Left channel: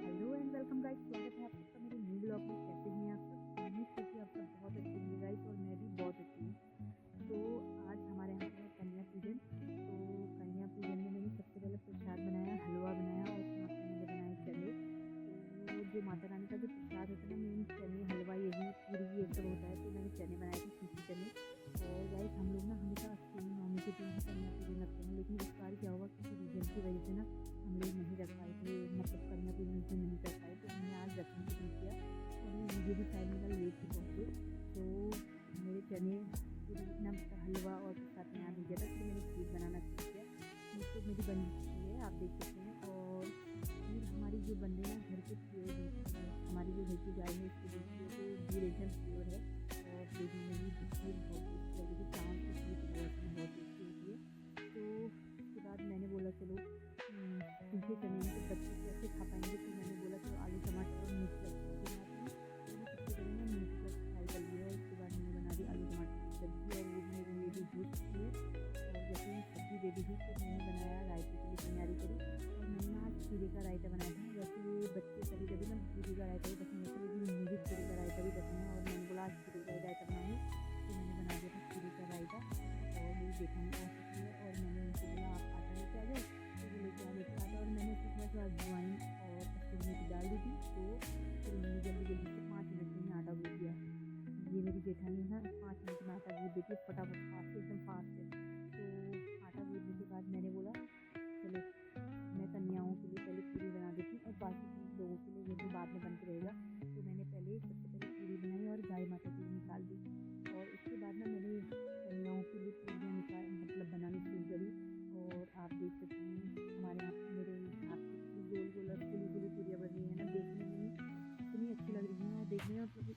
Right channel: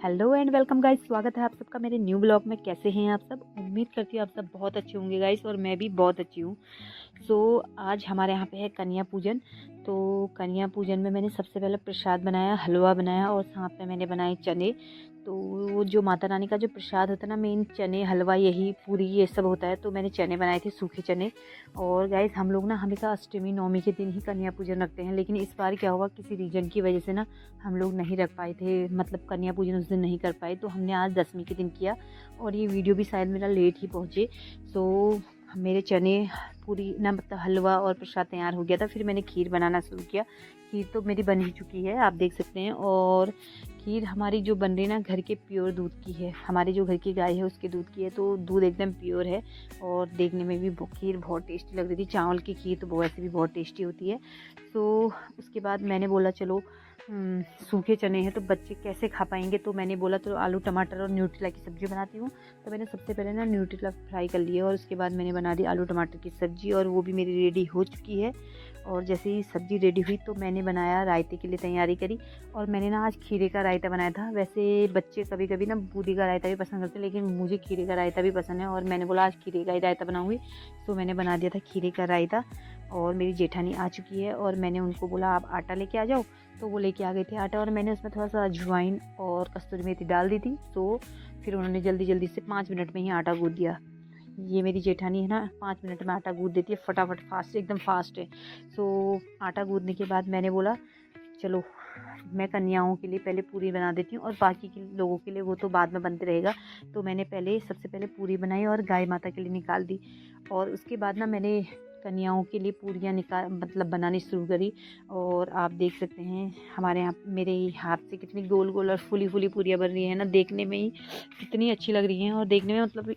Hello and welcome guys, स्वागत है आप सबका मेरे न्यू ब्लॉग में। कैसे हैं आप सब? उम्मीद करती हूँ आप सब बहुत अच्छे होंगे गाइस, और मैं भी बहुत अच्छी हूँ। आज हमारे यहाँ पे है कन्या पूजन। तो कन्या पूजन में मैंने सबसे पहले प्रसाद बनाया, हलवा बनाया और साथ में मैंने बनाए चने। तो वो जो माता रानी का जो प्रसाद होता है ना, मेन चने, हलवा, यही पूरी ये सब होता है। तो मैंने चने बनाए थे, सूखे चने। और गाइस हम लोग ना हमेशा अष्टमी नवमी के दिन ही कन्या पूजन रखते हैं, लेकिन इस बार क्या हुआ, किसी रीजन की वजह से ना हम लोग नहीं रख पाए थे, मतलब कन्या पूजन उस दिन नहीं कर पाए। तो हमने आज दसवीं के दिन किया, और ये वीडियो भी शायद मेरा लेट ही पहुँचे। सो मेरे चने पूरी ना, मतलब हलवा और प्रसाद तैयार हो गया था। फिर मैंने खीर बनाना शुरू किया। खीर तो मेरी बन ही चुकी है, आप देख सकते हैं। और खीर हमारी जो बन रही है ना, घर के प्योर दूध की है। हमारी जो घर की गाय है उसके दूध की है, तो दूध एकदम प्योर है। और देखने में भी खीर बहुत टेस्टी लग रही थी। चावल की खीर तो वैसे भी बहुत टेस्टी होती है। तो उसके बाद मैंने बोला चलो सूखे चने हैं तो बच्चे कैसे खा पाएंगे, तो मैंने बोला तो आलू टमाटर और न्यूट्रेला की सब्ज़ी बनाती हूँ। तो मैंने सबसे पहले ना न्यूट्रेला फ्राई कर लिया, और उसके बाद मैंने बना दी आलू टमाटर की सब्ज़ी, और वो भी मेरी रेडी हो चुकी है। और जैसे ही सब्ज़ी रेडी हुई तो मैंने बनाया, रायते के लिए तैयारी करी। और मैंने ना आज खीरे का रायता बनाया था। वैसे बच्चे कभी कभी ना बूंदी का रायता भी पसंद करते हैं, लेकिन मुझे खीरे का रायता भी पसंद है, और मैंने बोला आज खीरे का ही रायता बनाऊँगी। तो मैंने बना दिया था खीरे का रायता। और मेरी जेठानी आ चुकी है, और मैंने उनको बोला आप आटा लेके आ जाओ। तो वो लेके आ गए थे आटा, और मैंने उसमें थोड़ा सा अजवाइन और कस्तूरी मेथी डाल दी थी। तो फिर उन्होंने जल्दी जल्दी से 5 मिनट में ही आटा गूँथ दिया। ये मेरी जेठानी है ना, 5 मिनट में आटा गूँथ देती है, फटाफट, फास्ट, एकदम फास्ट है। तो आटा गूँथने के बाद मैंने बोला चलो मैं कन्याओं के लिए पहले पूरी बना देती हूँ, और बाकी के लोगों के लिए वो तो बाद में बनते रहेगा। तो मैंने सबसे पहले पूरी बनाई और गाय माता के लिए निकाल दी। और उसके बाद ना मैंने कन्याओं के लिए पूरियाँ मतलब बनानी शुरू करी। और आप देख सकते हैं हमारे यहाँ, मेरे हाथ से कितनी गोल गोल और फूली फूली पूरियाँ बन रही हैं ना, देखने में ही कितनी अच्छी लग रही हैं। और देखने में मतलब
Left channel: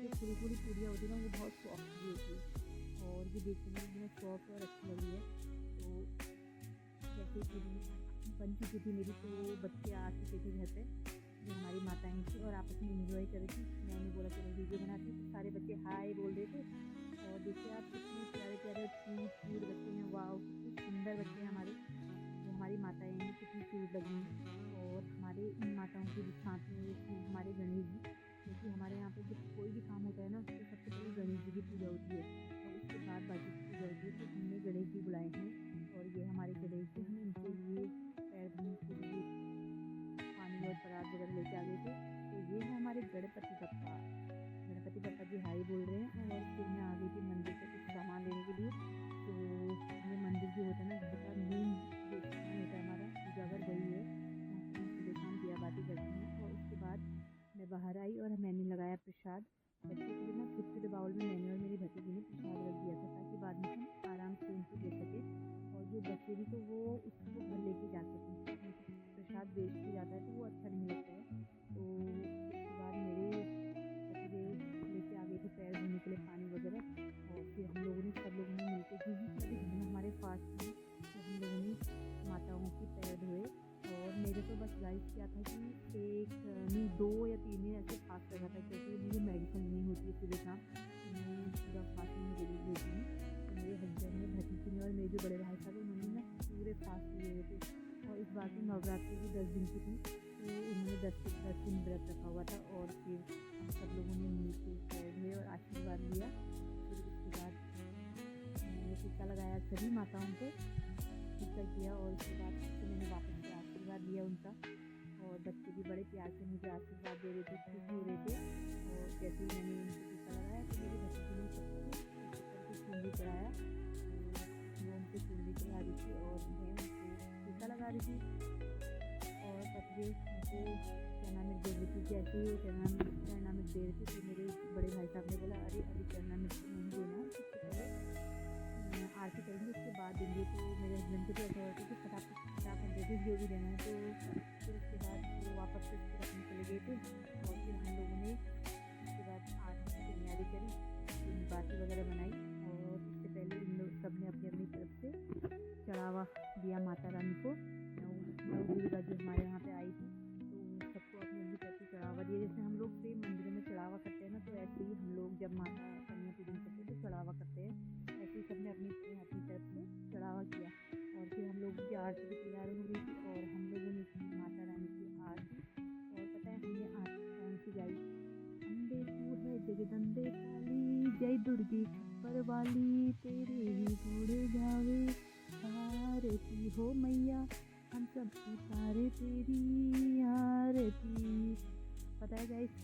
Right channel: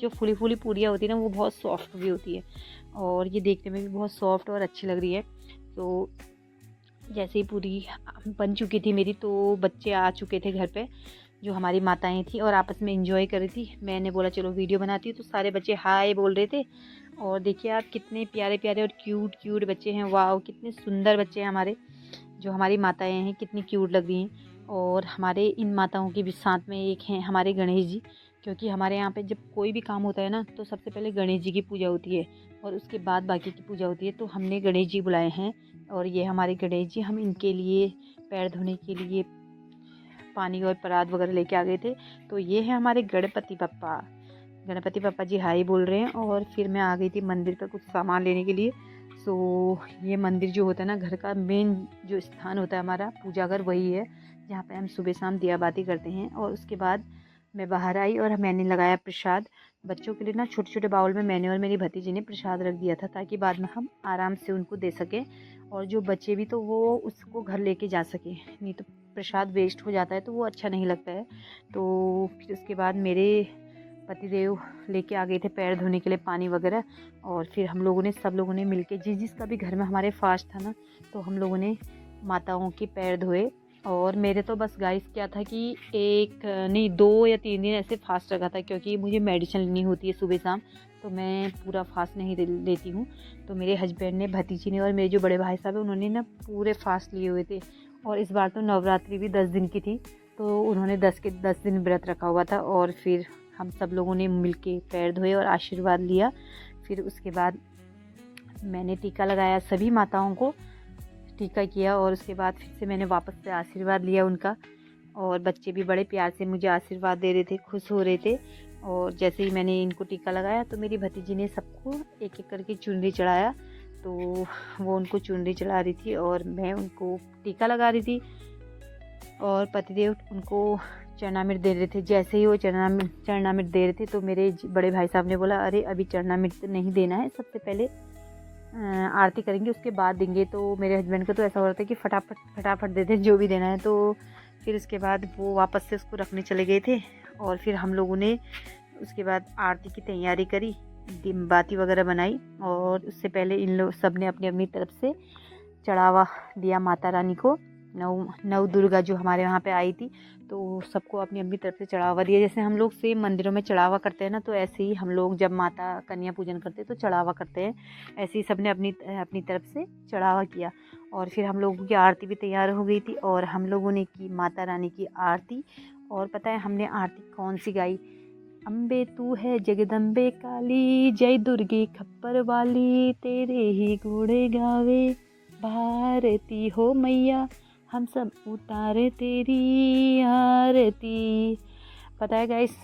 जो फूली फूली पूरियाँ होती है ना, वो बहुत सॉफ्ट भी होती है, और ये देखने में भी बहुत सॉफ्ट और अच्छी लग रही है। तो जैसे ही पूरी बन चुकी थी मेरी, तो बच्चे आ चुके थे घर पे, जो हमारी माताएं थी, और आपस में एंजॉय कर रही थी। मैंने बोला चलो वीडियो बनाती हूँ। तो सारे बच्चे हाय बोल रहे थे। और देखिए आप, कितने प्यारे प्यारे और क्यूट क्यूट बच्चे हैं। वाह, कितने सुंदर बच्चे हैं हमारे, जो हमारी माताएं हैं, कितनी क्यूट लग रही हैं। और हमारे इन माताओं के भी साथ में एक हैं हमारे गणेश जी, क्योंकि हमारे यहाँ पे जब कोई भी काम होता है ना, तो सबसे पहले गणेश जी की पूजा होती है, और उसके बाद बाकी की पूजा होती है। तो हमने गणेश जी बुलाए हैं, और ये हमारे गणेश जी, हम इनके लिए पैर धोने के लिए पानी और परात वगैरह लेके आ गए थे। तो ये है हमारे गणपति पप्पा। गणपति पप्पा जी हाई बोल रहे हैं। और फिर मैं आ गई थी मंदिर पर कुछ सामान लेने के लिए। ये मंदिर जो होता है ना, घर का मेन जो स्थान होता है हमारा, पूजा घर वही है, जहाँ पे हम सुबह शाम दिया बाती करते हैं। और उसके बाद मैं बाहर आई, और मैंने लगाया प्रसाद। बच्चों के लिए ना छोटे छोटे बाउल में मैंने और मेरी भतीजी ने प्रसाद रख दिया था, ताकि बाद में हम आराम से उनको दे सकें, और जो बच्चे भी तो वो उसको घर लेके जा सकें। नहीं तो प्रसाद वेस्ट हो जाता है, तो वो अच्छा नहीं लगता है। तो फिर उसके बाद मेरे पतिदेव लेके आ गए थे पैर धोने के लिए पानी वगैरह। और फिर हम लोगों ने, सब लोगों ने मिलके, जिसका भी घर में हमारे फास्ट था ना, तो हम लोगों ने माताओं के पैर धोए। और मेरे तो बस गाइस क्या था कि एक नहीं, 2 या 3 दिन ऐसे फास्ट रखा था, क्योंकि मुझे मेडिसिन लेनी होती है सुबह शाम, तो मैं पूरा फास्ट नहीं लेती हूँ। तो मेरे हस्बैंड ने, भतीजी ने, और मेरे जो बड़े भाई साहब हैं, उन्होंने ना पूरे फास्ट लिए हुए थे। और इस बार तो नवरात्रि भी 10 दिन की थी, तो उन्होंने 10 दिन व्रत रखा हुआ था। और फिर हम सब लोगों ने मिलके पैर धोए और आशीर्वाद लिया। फिर उसके बाद मैंने टीका लगाया, सभी माताओं को टीका किया, और उसके बाद फिर से मैंने वापस से आशीर्वाद लिया उनका। और बच्चे भी बड़े प्यार से मुझे आशीर्वाद दे रहे थे, खुश हो रहे थे। और जैसे ही मैंने इनको टीका लगाया, तो मेरी भतीजी ने सबको एक एक करके चुनरी चढ़ाया। तो वो उनको चुनरी चढ़ा रही थी, और मैं उनको टीका लगा रही थी, और पतिदेव उनको चरणामृत दे रहे थे। जैसे ही वो चरणामृत दे रहे थे, तो मेरे बड़े भाई साहब ने बोला अरे अभी चरणामृत नहीं देना है, सबसे पहले आरती करेंगे, उसके बाद देंगे। तो मेरे हस्बैंड को तो ऐसा हो रहा था कि फटाफट दे दें जो भी देना है। तो फिर उसके बाद वो वापस से उसको रखने चले गए थे। और फिर हम लोगों ने उसके बाद आरती की तैयारी करी, बाती वगैरह बनाई। और उससे पहले इन लोग सब ने अपनी अपनी तरफ से चढ़ावा दिया माता रानी को। नव दुर्गा जो हमारे यहाँ पे आई थी, तो सबको अपनी अपनी तरफ से चढ़ावा दिया। जैसे हम लोग सेम मंदिरों में चढ़ावा करते हैं ना, तो ऐसे ही हम लोग जब माता कन्या पूजन करते हैं तो चढ़ावा करते हैं। ऐसे ही सबने अपनी अपनी तरफ से चढ़ावा किया। और फिर हम लोगों की आरती भी तैयार हो गई थी और हम लोगों ने की माता रानी की आरती। और पता है हमने आरती कौन सी गाई? अम्बे तू है जगदम्बे काली, जय दुर्गे खप्पर वाली, तेरे ही घोड़े गावे भारती हो मैया, हम सब उतारे तेरी आरती। पता है गाइस,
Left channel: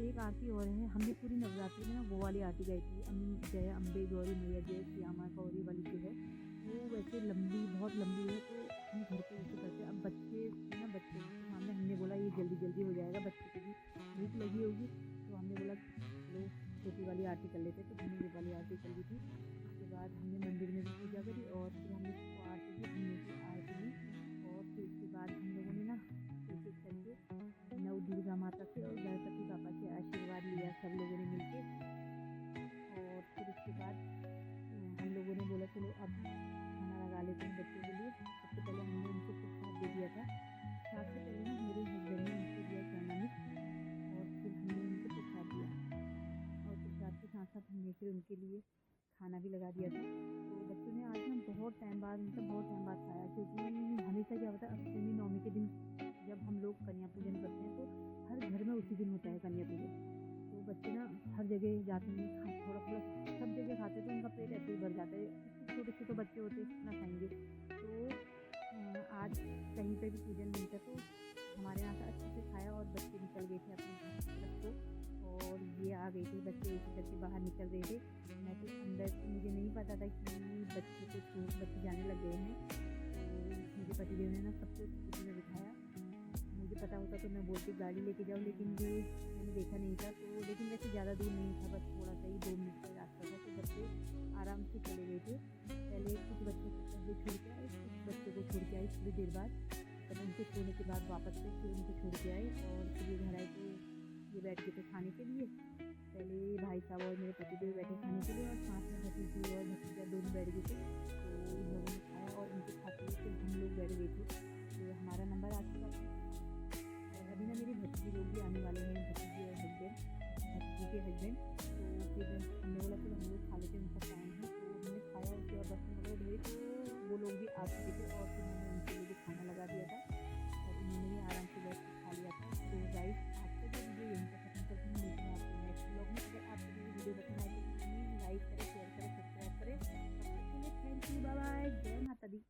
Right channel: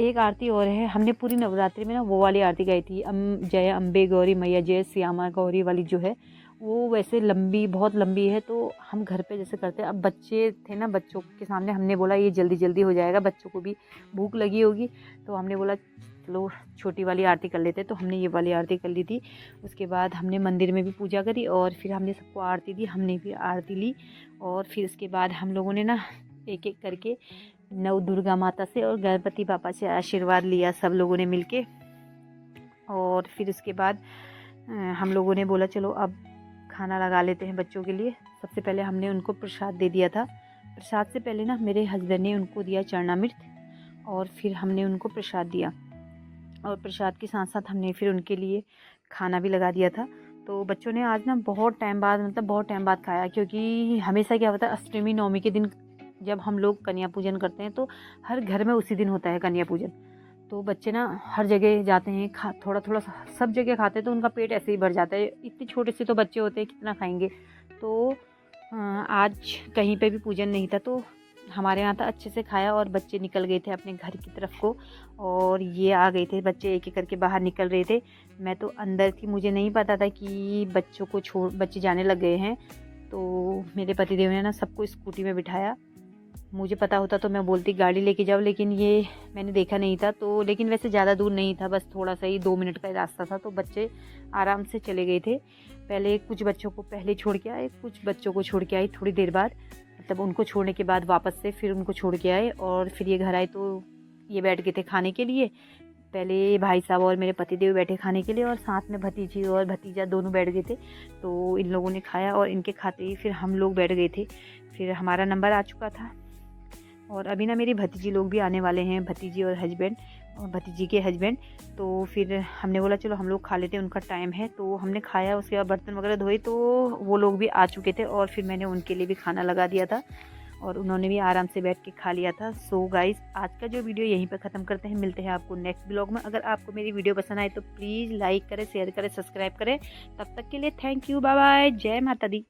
एक आरती और है, हमने पूरी नवरात्रि में ना वो वाली आरती गाई थी, जय अम्बे गौरी मैया जय श्यामा गौरी वाली जो है, वो वैसे लंबी, बहुत लंबी है। तो हम घर पे जैसे करते हैं, अब बच्चे थे ना, बच्चों के सामने हमने बोला ये जल्दी जल्दी हो जाएगा, बच्चों को भी भूख लगी होगी, तो हमने बोला चलो छोटी वाली आरती कर लेते। तो हमने ये वाली आरती कर ली थी। उसके बाद हमने मंदिर में भी पूजा करी और फिर हमने सबको आरती दी, हमने भी आरती ली। और फिर उसके बाद हम लोगों ने ना एक एक करके नव दुर्गा माता से और गणपति पापा से आशीर्वाद लिया सब लोगों ने मिलके। और फिर उसके बाद हम लोगों ने बोला चलो अब खाना लगा लेते हैं बच्चों के लिए। सबसे पहले हमने उनको प्रसाद दे दिया था। प्रसाद से पहले ना मेरे हस्बैंड ने उनको दिया चरणामृत और फिर हमने उनको प्रसाद दिया। और प्रसाद के साथ साथ हमने फिर उनके लिए खाना भी लगा दिया था। तो बच्चों ने आज ना बहुत टाइम बाद खाया, क्योंकि हमेशा क्या होता है अष्टमी नवमी के दिन जब हम लोग कन्या पूजन करते हैं तो हर घर में उसी दिन होता है कन्या पूजन। तो बच्चे ना हर जगह जाते हैं, थोड़ा थोड़ा सब जगह खाते हैं, तो उनका पेट ऐसे ही भर जाता है। इतने छोटे से तो बच्चे होते हैं, कितना खाएंगे। तो आज कहीं पे भी पूजन नहीं था, तो हमारे यहाँ था, अच्छे से खाया और बच्चे निकल गए थे अपने घर की तरफ को। और ये आ गए थे बच्चे, एक एक करके बाहर निकल रहे थे। मैं तो अंदर थी, मुझे नहीं पता था कि बच्चे जाने लग गए हैं। तो मेरे पतिदेव ने ना सबको स्कूटी में बिठाया। मुझे पता होता तो मैं बोलती गाड़ी लेके जाओ, लेकिन ये मैंने देखा नहीं था। तो लेकिन वैसे ज़्यादा दूर नहीं था, बस थोड़ा सा ही 2 मिनट का रास्ता था। तो बच्चे आराम से चले गए थे। पहले कुछ बच्चों को पहले छोड़ के आए, कुछ बच्चों को छोड़ के आई थोड़ी देर बाद। मतलब उनको छोड़ने के बाद वापस से फिर उनको छोड़ के आए और फिर ये घर आए। तो ये बैठ गए थे खाने के लिए। पहले भाई साहब और मेरे पतिदेव बैठे खाने के लिए और साथ में भतीजी और भतीजा दोनों बैठ गए थे। तो इन लोगों ने खाया और इनके खाते ही फिर हम लोग बैठ गए थे। फिर हमारा नंबर आ चुका था और अभी ना मेरी भतीजी लोग भी आने वाले हैं, भतीजी और हस्बैंड और भतीजी के हस्बैंड। तो फिर हमने बोला चलो हम लोग खा लेते हैं, उनका टाइम है। तो हमने खाया, उसके बाद बर्तन वगैरह धोए, तो वो लोग भी आ चुके थे और फिर मैंने उनके लिए भी खाना लगा दिया था और उन्होंने भी आराम से बैठ के खा लिया था। सो गाइस, आज का जो वीडियो यहीं पर ख़त्म करते हैं। मिलते हैं आपको नेक्स्ट ब्लॉग में। अगर आपको मेरी वीडियो पसंद आए तो प्लीज़ लाइक करें, शेयर करें, सब्सक्राइब करें। तब तक के लिए थैंक यू, बाय बाय, जय माता दी।